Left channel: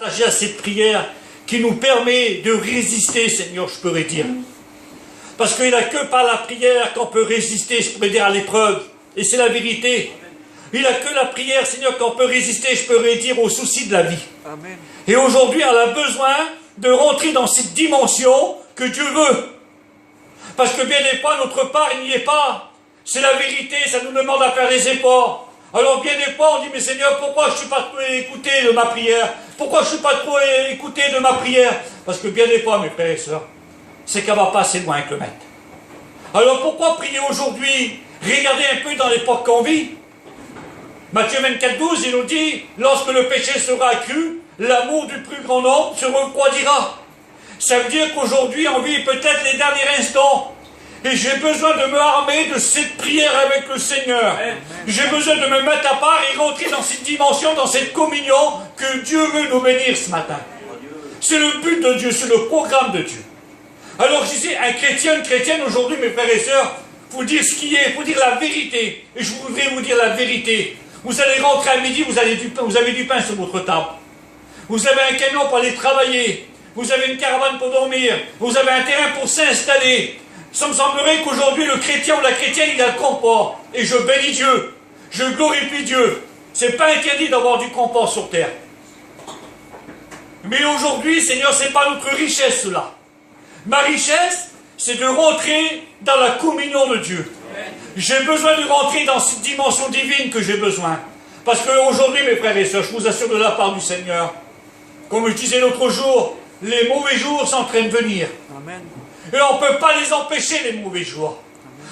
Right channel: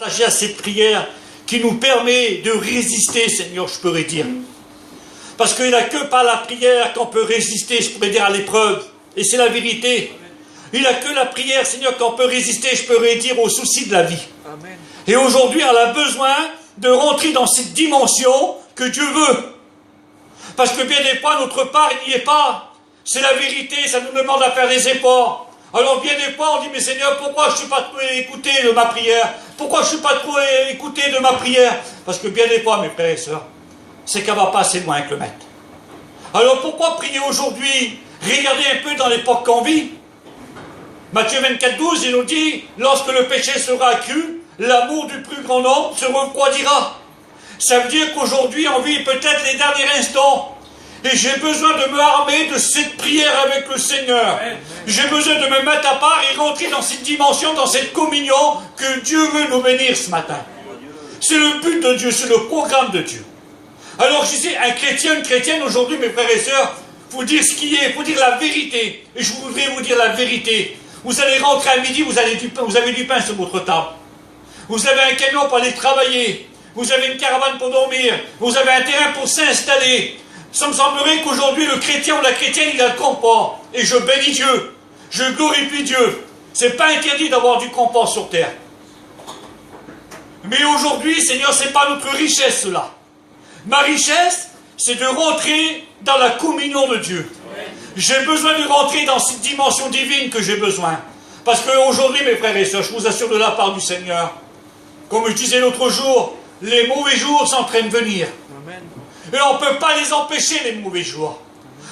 Attaché à cette prière qui nous permet de résister, Seigneur, je pourrais dire. Parce qu'il n'y a que par la prière qu'on peut résister, je pourrais dire, à l'épreuve. Et c'est la vérité. Il n'y a que la prière, Seigneur, qu'on peut résister, je pourrais dire, aux soucis de la vie. Amen. Et aujourd'hui, on a besoin de rentrer dans cette dimension que Dieu veut. Parce que bien des fois, notre part, il n'y est pas. C'est la vérité, ça nous demande à faire des efforts. Alors bien des fois, on dit, mais Seigneur, pourquoi je ne suis pas trop écouté de ma prière? Pourquoi je ne suis pas trop écouté de ma prière? Parce que bien des fois, mes frères et sœurs, c'est qu'elle ne va pas assez loin avec le maître. Alors pourquoi prier aujourd'hui? Regardez un peu dans l'époque qu'on vit. Matthieu 24, 12, il nous dit, lorsque le péché sera accru, l'amour du plus grand nombre se refroidira. Ça veut dire qu'aujourd'hui, on vit peut-être les derniers instants. Et j'ai besoin de me armer de cette prière avec le Seigneur. J'ai besoin de me mettre à part et rentrer dans cette dimension, dans cette communion que Dieu veut nous bénir ce matin. C'est le but de Dieu, c'est le programme de Dieu. Alors je disais, un chrétien, une chrétienne aujourd'hui, mes frères et sœurs, il faut dire ce qui est, il faut dire la vérité. Et je voudrais vous dire la vérité. Vous allez rentrer à midi, vous avez du pain sur votre table. Vous avez un camion pour aller travailler. Vous avez une caravane pour dormir. Vous avez un terrain pour s'installer. Ça me semblerait qu'aujourd'hui, le chrétien ou la chrétienne, il a le confort. Et je bénis Dieu. Je glorifie Dieu. C'est pas interdit d'avoir du confort sur terre. Mais aujourd'hui, Seigneur, c'est pas notre richesse, cela. Ma richesse, c'est de rentrer dans la communion de Dieu. J'ai besoin de rentrer dans cette dimension divine que j'ai besoin. Parce qu'aujourd'hui, mes frères et sœurs, je vous assure de la part du Seigneur, comme je disais l'autre jour, les mauvais jours sont en train de venir. Amen. Et on ne peut pas les empêcher, les mauvais jours.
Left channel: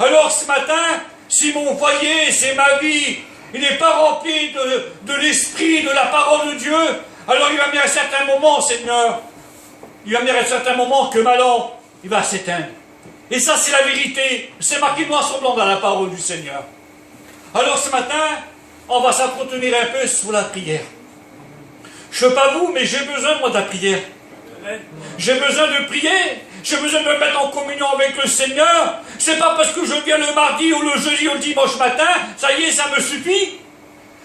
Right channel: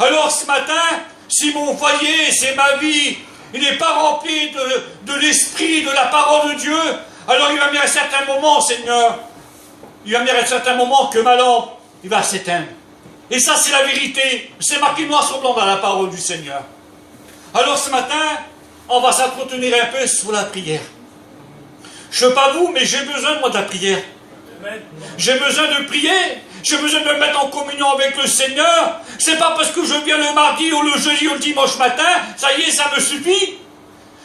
Alors ce matin, si mon foyer, c'est ma vie, il n'est pas rempli de l'esprit, de la parole de Dieu, alors il va venir un certain moment, Seigneur, il va venir un certain moment que ma lampe, il va s'éteindre. Et ça, c'est la vérité. C'est marqué noir sur blanc dans la parole du Seigneur. Alors ce matin, on va s'entretenir un peu sur la prière. Je ne sais pas vous, mais j'ai besoin, moi, de la prière. J'ai besoin de prier. J'ai besoin de me mettre en communion avec le Seigneur. C'est pas parce que je viens le mardi ou le jeudi ou le dimanche matin, ça y est, ça me suffit.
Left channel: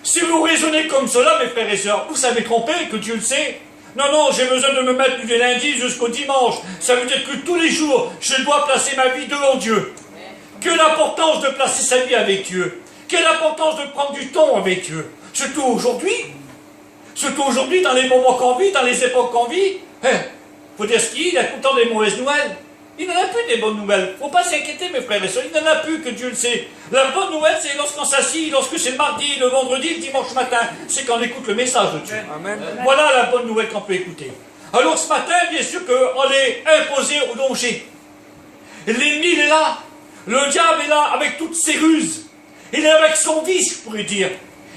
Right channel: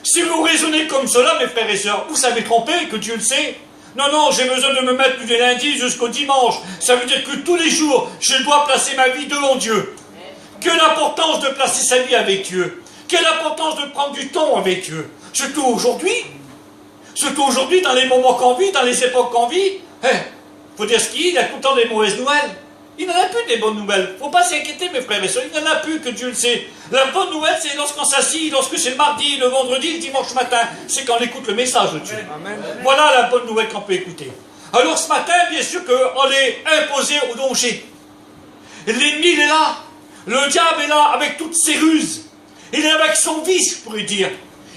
Si vous raisonnez comme cela, mes frères et sœurs, vous savez tromper, que Dieu le sait. Non, non, j'ai besoin de me mettre du lundi jusqu'au dimanche. Ça veut dire que tous les jours, je dois placer ma vie devant Dieu. Quelle importance de placer sa vie avec Dieu. Quelle importance de prendre du temps avec Dieu. Surtout aujourd'hui. Surtout aujourd'hui, dans les moments qu'on vit, dans les époques qu'on vit. Faut dire ce qu'il y a tout le temps des mauvaises nouvelles. Il n'en a plus des bonnes nouvelles. Il ne faut pas s'inquiéter, mes frères et sœurs. Il n'en a plus, que Dieu le sait. La bonne nouvelle, c'est lorsqu'on s'assit, lorsque c'est le mardi, le vendredi, le dimanche matin. C'est quand on écoute le message de Dieu. Amen. Voilà la bonne nouvelle qu'on peut écouter. Alors ce matin, bien sûr qu'on est imposé au danger. L'ennemi, il est là. Le diable est là avec toutes ses ruses. Il est là avec son vice, je pourrais dire.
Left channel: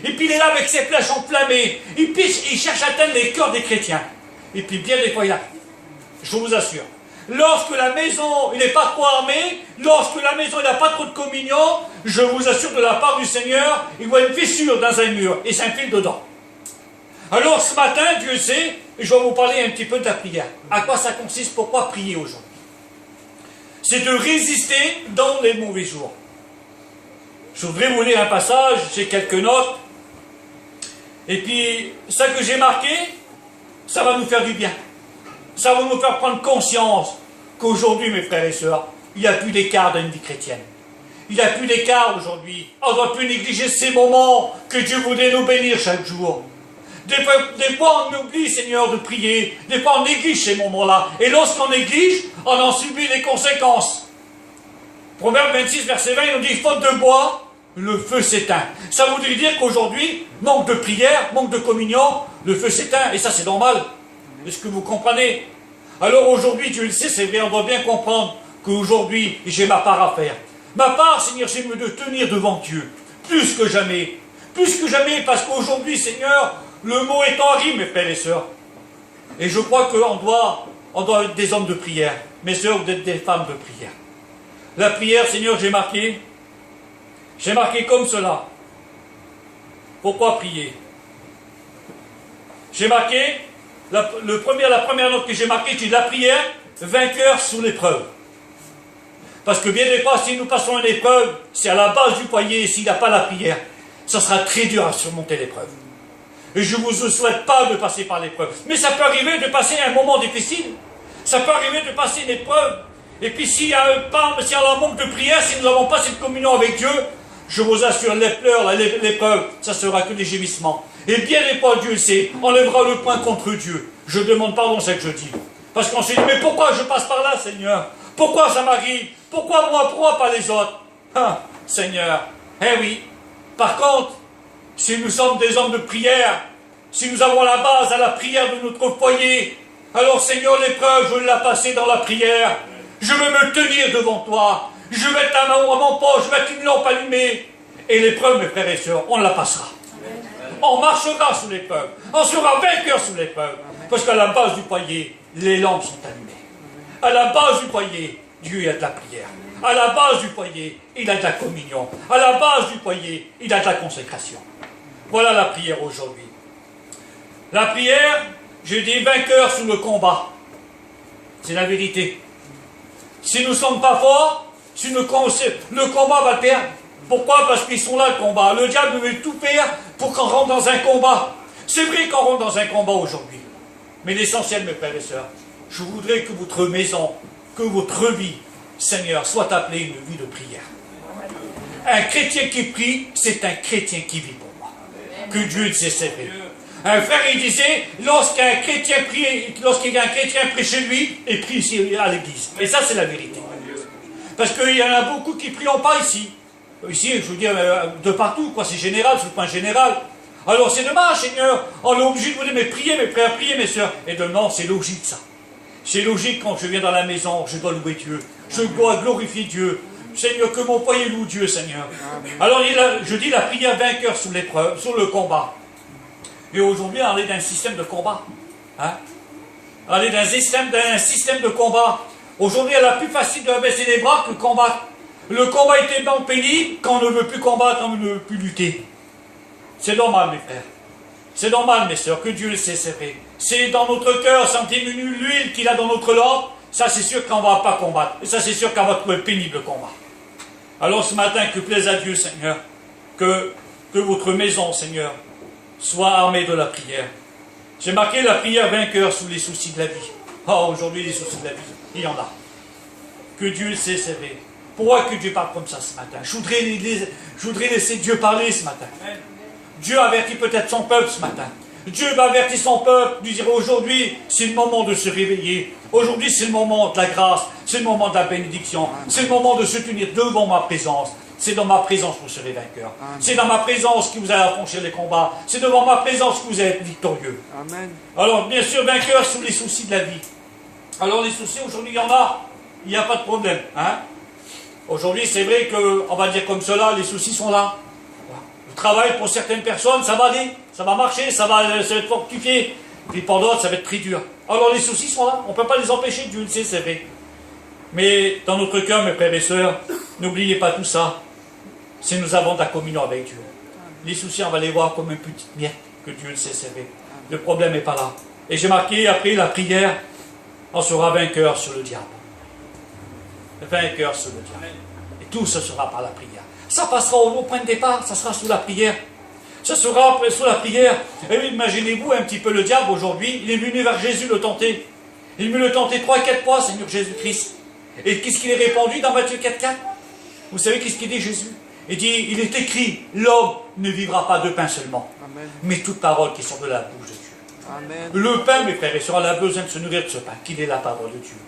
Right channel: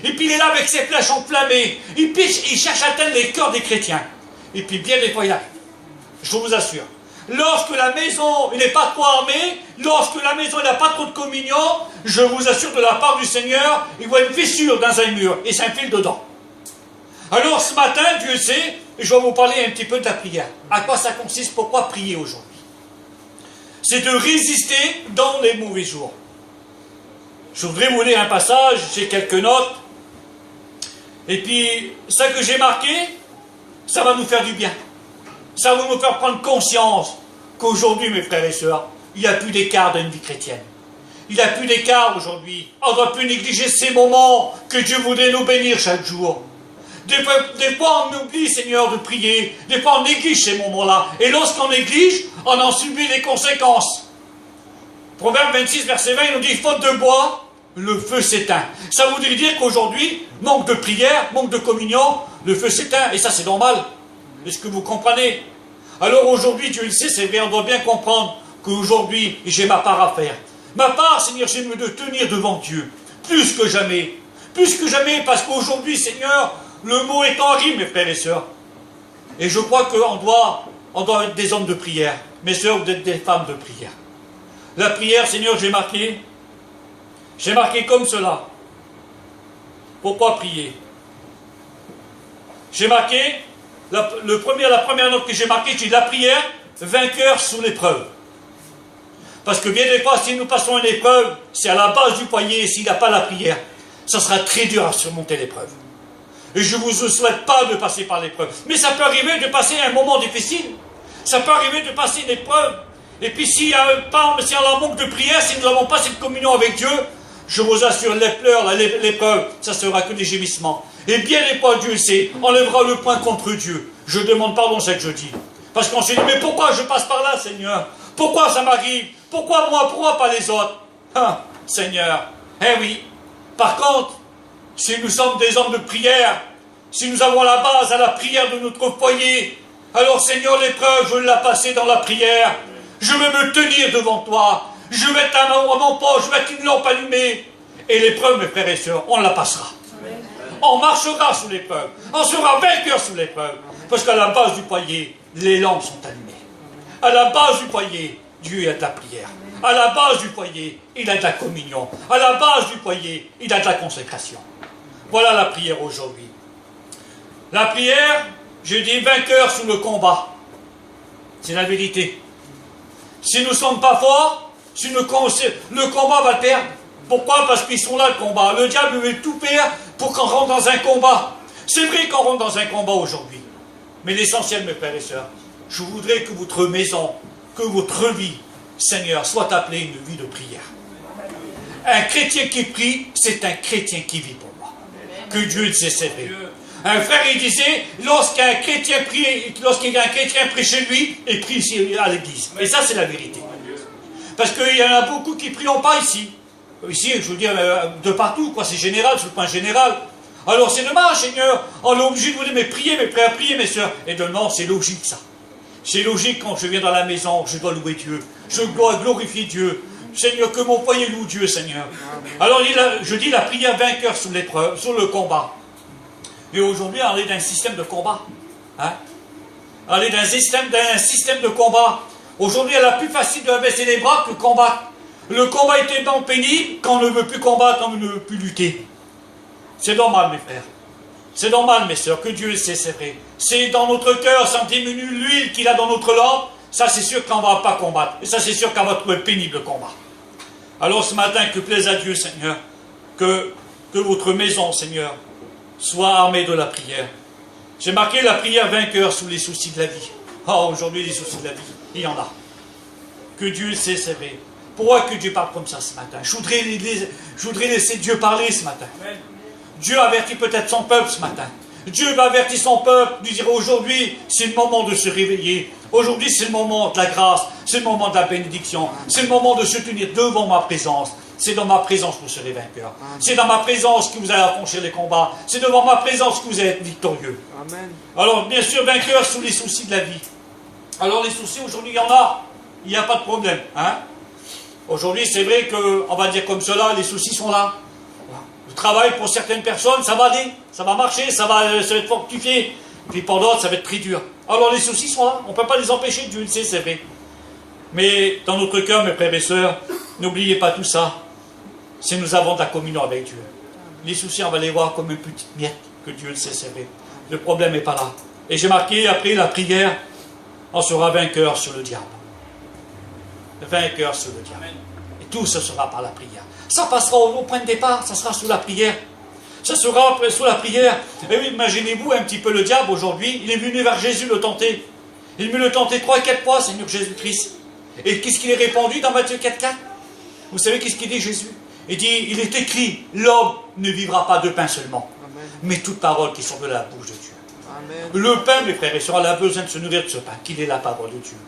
Et puis il est là avec ses flèches enflammées. Il cherche à atteindre les cœurs des chrétiens. Et puis bien des fois, il arrive. Je vous assure. Lorsque la maison n'est pas trop armée, lorsque la maison n'a pas trop de communion, je vous assure de la part du Seigneur, il voit une fissure dans un mur et s'infile dedans. Alors ce matin, Dieu sait, je vais vous parler un petit peu de la prière. À quoi ça consiste? Pourquoi prier aujourd'hui? C'est de résister dans les mauvais jours. Je voudrais vous lire un passage, j'ai quelques notes. Et puis, ça que j'ai marqué, ça va nous faire du bien. Ça va nous faire prendre conscience qu'aujourd'hui, mes frères et sœurs, il n'y a plus d'écart dans une vie chrétienne. Il n'y a plus d'écart aujourd'hui. On ne doit plus négliger ces moments que Dieu voudrait nous bénir chaque jour. Des fois, on oublie, Seigneur, de prier. Des fois, on néglige ces moments-là. Et lorsqu'on néglige, on en subit les conséquences. Proverbe 26, verset 20, il nous dit, faute de bois, le feu s'éteint. Ça voudrait dire qu'aujourd'hui, manque de prière, manque de communion, le feu s'éteint. Et ça, c'est normal. Est-ce que vous comprenez? Alors aujourd'hui, Dieu le sait, c'est bien, on doit bien comprendre qu'aujourd'hui, j'ai ma part à faire. Ma part, Seigneur, c'est de tenir devant Dieu. Plus que jamais. Plus que jamais, parce qu'aujourd'hui, Seigneur, le mot est en rime, mes frères et sœurs. Et je crois qu'on doit être des hommes de prière. Mes sœurs, vous êtes des femmes de prière. La prière, Seigneur, j'ai marqué comme cela. Pourquoi prier? J'ai marqué, la première note que j'ai marquée, c'est la prière, vainqueur sous l'épreuve. Parce que bien des fois, si nous passons une épreuve, c'est à la base du foyer, et s'il n'y a pas la prière, ça sera très dur à surmonter l'épreuve. Et je ne vous souhaite pas de passer par l'épreuve. Mais ça peut arriver de passer un moment difficile. Ça peut arriver de passer une épreuve. Et puis s'il y a un pas, s'il y a un manque de prière, si nous n'avons pas cette communion avec Dieu, je vous assure, les pleurs, l'épreuve, ça sera que des gémissements. Et bien des fois, Dieu sait, on lèvera le poing contre Dieu. Je demande pardon, c'est ce que je dis. Parce qu'on se dit, mais pourquoi je passe par là, Seigneur? Pourquoi ça m'arrive? Pourquoi moi, pourquoi pas les autres? Hein, Seigneur. Eh oui. Par contre, si nous sommes des hommes de prière, si nous avons la base à la prière de notre foyer, alors Seigneur, l'épreuve, je vais la passer dans la prière. Je vais me tenir devant toi. Je vais mettre à mon poche, je vais mettre une lampe allumée. Et l'épreuve, mes frères et sœurs, on la passera. On marchera sous l'épreuve. On sera vainqueur sous l'épreuve. Parce qu'à la base du foyer, les lampes sont allumées. À la base du foyer, Dieu a de la prière. À la base du foyer, il a de la communion. À la base du foyer, il a de la consécration. Voilà la prière aujourd'hui. La prière, je dis vainqueur sous le combat. C'est la vérité. Si nous ne sommes pas forts, si le combat va le perdre. Pourquoi? Parce qu'ils sont là, le combat. Le diable veut tout faire pour qu'on rentre dans un combat. C'est vrai qu'on rentre dans un combat aujourd'hui. Mais l'essentiel, mes frères et sœurs, je voudrais que votre maison, que votre vie, Seigneur, soit appelée une vie de prière. Un chrétien qui prie, c'est un chrétien qui vit pour moi. Que Dieu le sait, c'est vrai. Un frère, il disait, lorsqu'un chrétien prie, lorsqu'il y a un chrétien prie chez lui, il prie ici à l'église. Et ça, c'est la vérité. Parce qu'il y en a beaucoup qui ne prient pas ici. Ici, je veux dire, de partout, quoi. C'est général, c'est le point général. Alors c'est dommage, Seigneur. On est obligé de vous dire, mais priez, mes frères, priez, mes sœurs. Et de non, c'est logique, ça. C'est logique quand je viens dans la maison, je dois louer Dieu. Je dois glorifier Dieu. Seigneur, que mon foyer loue Dieu, Seigneur. Alors, je dis la prière vainqueur sous l'épreuve, sur le combat. Et aujourd'hui, on est dans un système de combat. Hein? On est dans un système de combat. Aujourd'hui, il est plus facile de baisser les bras que de combattre. Le combat est tellement pénible qu'on ne veut plus combattre, qu'on ne veut plus lutter. C'est normal, mes frères. C'est normal, mes sœurs, que Dieu le sait, c'est vrai. C'est dans notre cœur, ça diminue l'huile qu'il a dans notre lampe. Ça, c'est sûr qu'on ne va pas combattre. Et ça, c'est sûr qu'on va trouver pénible le combat. Alors, ce matin, que plaise à Dieu, Seigneur, que votre maison, Seigneur, soit armée de la prière. J'ai marqué la prière vainqueur sous les soucis de la vie. Oh, aujourd'hui, les soucis de la vie, il y en a. Que Dieu le sait, c'est vrai. Pourquoi que Dieu parle comme ça ce matin? Je voudrais laisser Dieu parler ce matin. Amen. Dieu avertit peut-être son peuple ce matin. Dieu va avertir son peuple, lui dire aujourd'hui, c'est le moment de se réveiller. Aujourd'hui, c'est le moment de la grâce, c'est le moment de la bénédiction, c'est le moment de se tenir devant ma présence. C'est dans ma présence que vous serez vainqueur. C'est dans ma présence que vous allez affranchir les combats. C'est devant ma présence que vous allez être victorieux. Amen. Alors, bien sûr, vainqueur sous les soucis de la vie. Alors, les soucis, aujourd'hui, il y en a. Il n'y a pas de problème. Hein? Aujourd'hui, c'est vrai qu'on va dire comme cela, les soucis sont là. Le travail, pour certaines personnes, ça va aller. Ça va marcher, ça va être fortifié. Puis pour d'autres, ça va être très dur. Alors, les soucis sont là. On ne peut pas les empêcher, Dieu le sait, c'est vrai. Mais dans notre cœur, mes frères et sœurs, n'oubliez pas tout ça. Si nous avons de la communion avec Dieu. Les soucis, on va les voir comme une petite miette, que Dieu le sait, c'est vrai. Le problème n'est pas là. Et j'ai marqué, après la prière, on sera vainqueur sur le diable. Vainqueur sur le diable. Et tout ce sera par la prière. Ça passera au point de départ, ça sera sous la prière. Ça sera sous la prière. Et oui, imaginez-vous un petit peu le diable aujourd'hui, il est venu vers Jésus le tenter. Il est venu le tenter 3-4 fois, Seigneur Jésus-Christ. Et qu'est-ce qu'il est répondu dans Matthieu 4-4? Vous savez qu'est-ce qu'il dit Jésus? Il dit, il est écrit, l'homme ne vivra pas de pain seulement, Amen. Mais toute parole qui sort de la bouche de Dieu. Amen. Le pain, mes frères et sœurs, a besoin de se nourrir de ce pain, qu'il est la parole de Dieu.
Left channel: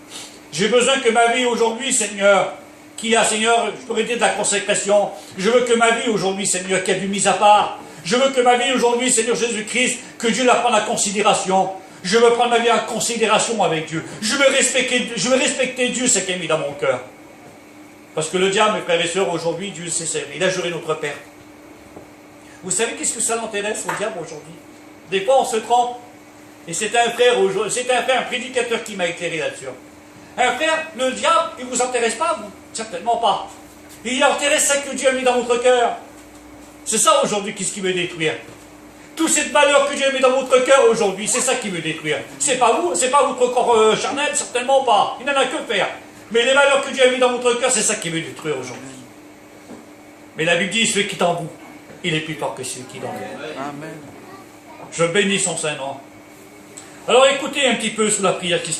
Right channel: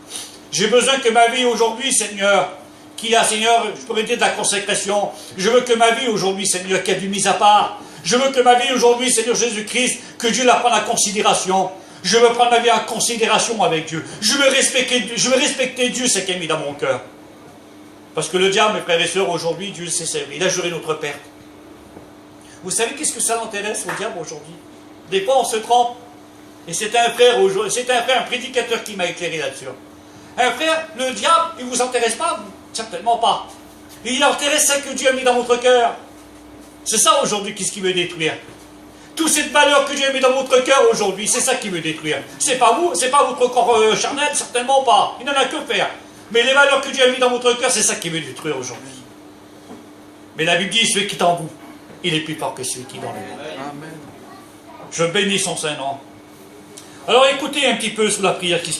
J'ai besoin que ma vie aujourd'hui, Seigneur, qui a, Seigneur, je pourrais dire de la consécration, je veux que ma vie aujourd'hui, Seigneur, qui a du mis à part, je veux que ma vie aujourd'hui, Seigneur Jésus-Christ, que Dieu la prenne en considération. Je veux prendre ma vie en considération avec Dieu. Je veux respecter Dieu, ce qu'il a mis dans mon cœur. Parce que le diable, mes frères et sœurs, aujourd'hui, Dieu s'est servi. Il a juré notre perte. Vous savez qu'est-ce que ça l'intéresse au diable aujourd'hui? Des fois, on se trompe. Et c'était un frère, un prédicateur qui m'a éclairé là-dessus. Un frère, le diable, il ne vous intéresse pas, vous? Certainement pas. Il intéresse ce que Dieu a mis dans votre cœur. C'est ça aujourd'hui qui veut détruire. Toute cette valeur que Dieu a mis dans votre cœur aujourd'hui, c'est ça qui veut détruire. C'est pas vous, c'est pas votre corps charnel, certainement pas. Il n'en a que faire. Mais les valeurs que Dieu a mis dans votre cœur, c'est ça qui veut détruire aujourd'hui. Mais la Bible dit, celui qui est en vous, il est plus fort que celui qui est dans le monde. Amen. Je bénis son Saint-Nom. Alors écoutez un petit peu sous la prière qui